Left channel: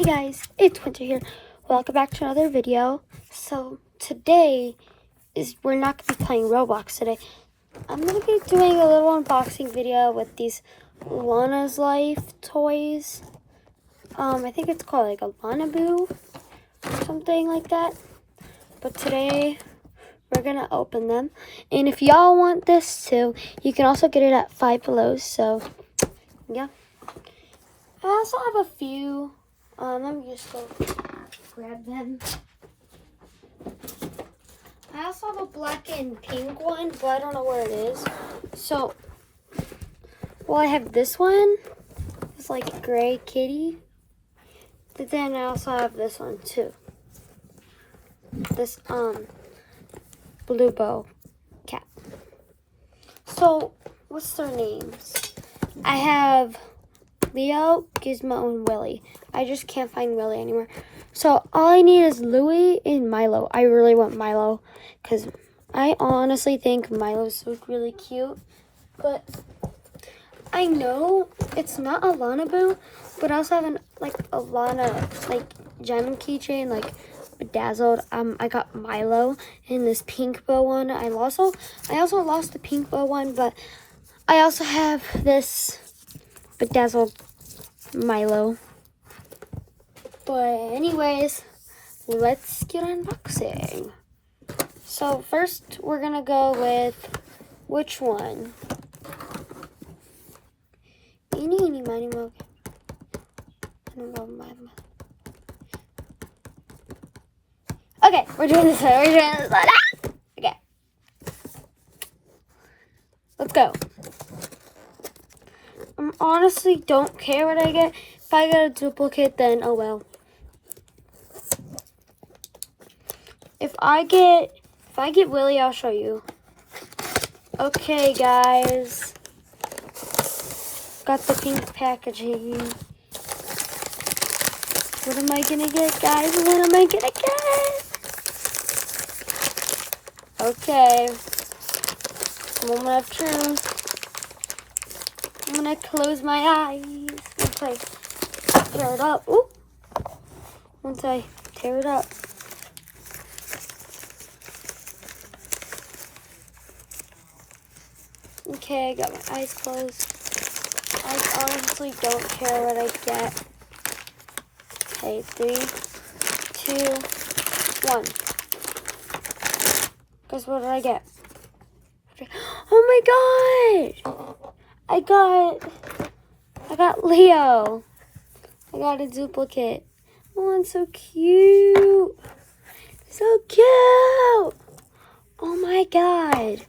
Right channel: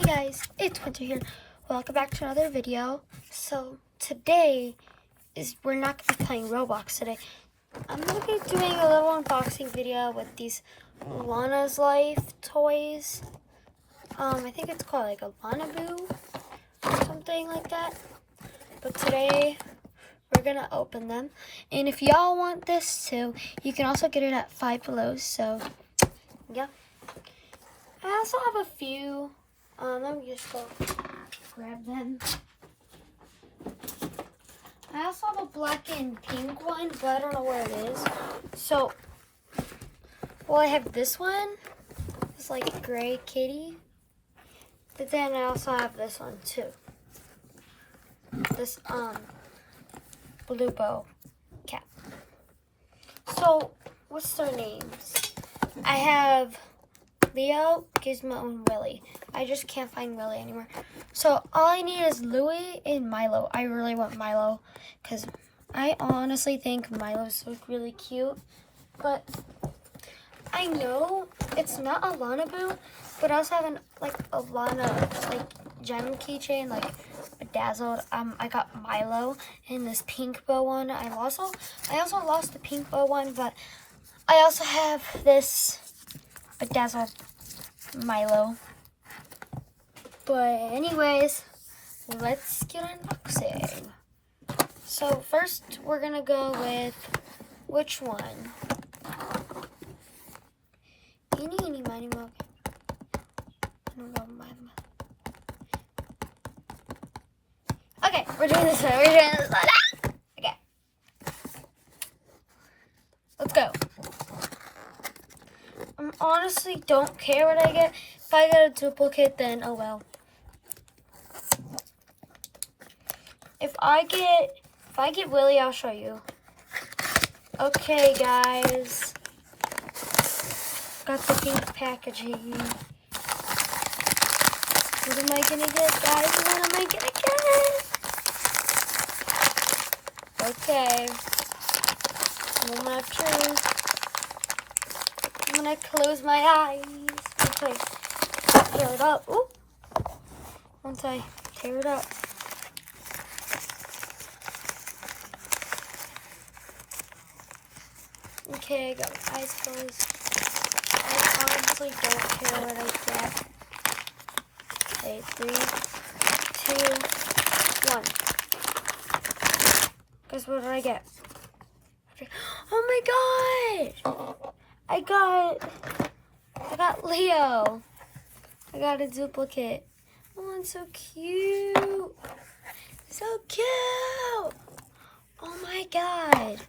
Hey guys, it's Winter here. Welcome back to another video. So today we're not going to be playing Roblox today. I'm going to be doing a little unboxing video with these Lana's Life toys. I think it's called like a Lana Boo or something like that. But today we're going to open them. And if y'all want this too, you can also get it at Five Below. So yeah. I also have a few. Let me just go grab them. I also have a black and pink one, but I don't know where it is. So, I have this one. It's like a gray kitty. But then I also have this one too. This, blue bow cat. So, what's their names? I have Leo, Gizmo, and Willie. I just can't find Willie anymore. So all I need is Louie and Milo. I really want Milo because I honestly think Milo's look really cute. But I know it's not a Lana Boo, but I also have a Lana gem keychain, like bedazzled. I got Milo in this pink bow one. I also lost the pink bow one, but I also have this bedazzled Milo. But anyways, let's get unboxing. So first we're gonna go with which one? Eeny, miny, mo. Okay, we're doing this one. Okay. Let's go. I honestly don't care what I get. If I get a duplicate, then oh well. If I get Willie, I'll show you. Okay, guys. Got the pink packaging. What am I gonna get, guys? What am I gonna get? Okay. Moment of truth. I'm gonna close my eyes. Okay. Throw it up. Ooh. Once I tear it up. Okay, I got my eyes closed. I honestly don't care what I get. Okay, 3, 2, 1. Guess what did I get? Oh my god! I got Leo. I got a duplicate. Oh, it's so cute. So cute. Oh my god.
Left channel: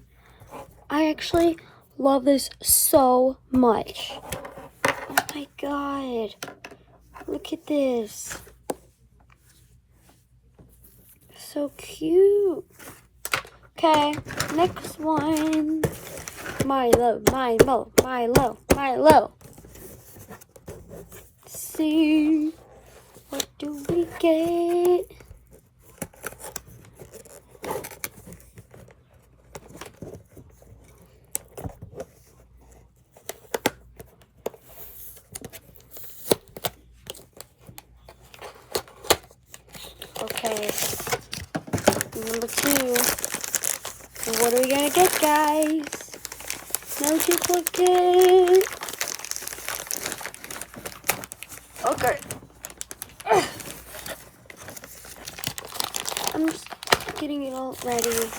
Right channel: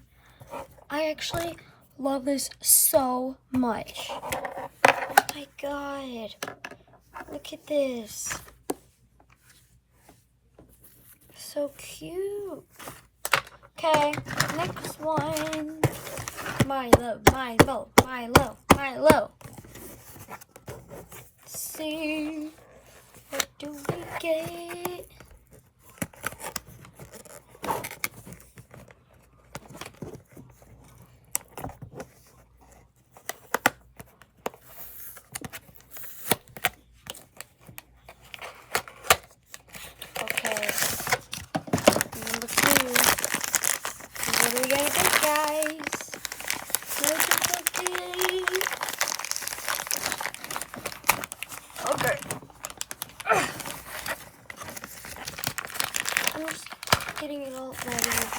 I actually love this so much. Oh my god. Look at this. So cute. Okay, next one. Milo. Let's see. What do we get? Okay. Number 2. What are we gonna get, guys? No duplicate. Okay. I'm just getting it all ready.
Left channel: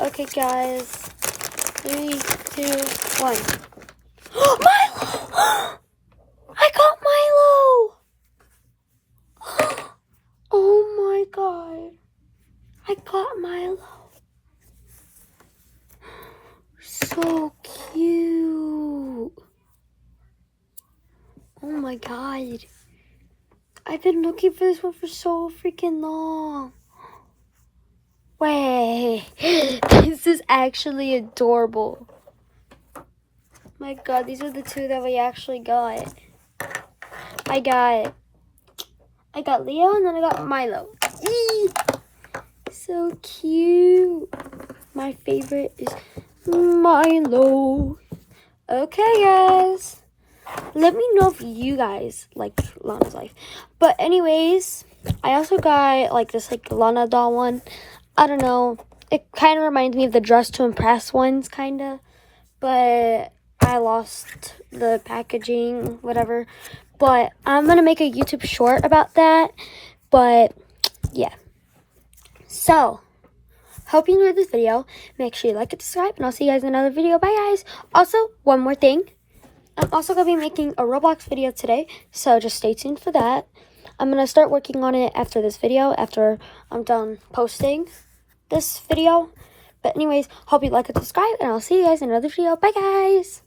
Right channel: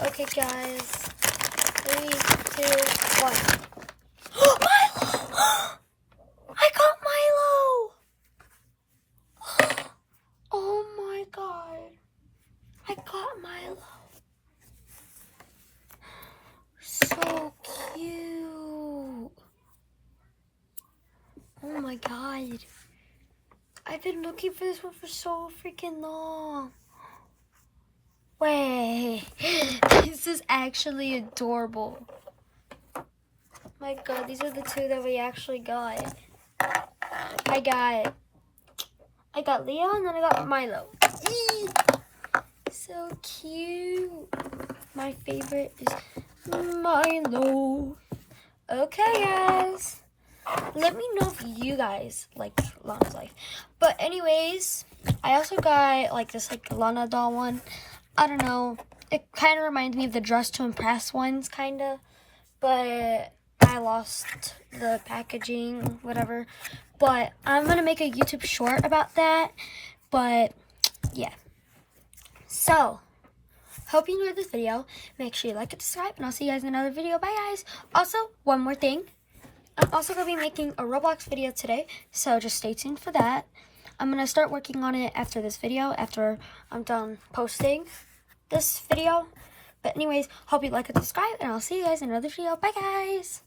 Okay, guys. 3, 2, 1. Milo! I got Milo! Oh my god. I got Milo. So cute. Oh my god. I've been looking for this one for so freaking long. Wait. This is actually adorable. My god, these are the two that we actually got. I got Leo and then I got Milo. So cute. My favorite is Milo. Okay, guys. let me know if you guys like Lana's life. But anyways, I also got like this like Lana doll one. I don't know. It kind of reminds me of the Dress to Impress ones, kind of. But I lost the packaging, whatever. But I'm going to make a YouTube short about that. But yeah. So, hope you enjoyed this video. Make sure you like and subscribe. And I'll see you guys in another video. Bye, guys. Also, one more thing. I'm also going to be making a Roblox video today, so just stay tuned for that. I'm going to start working on it after this video, after I'm done posting this video. But anyways, hope you like and subscribe, and I'll see you guys in another video. Bye, guys!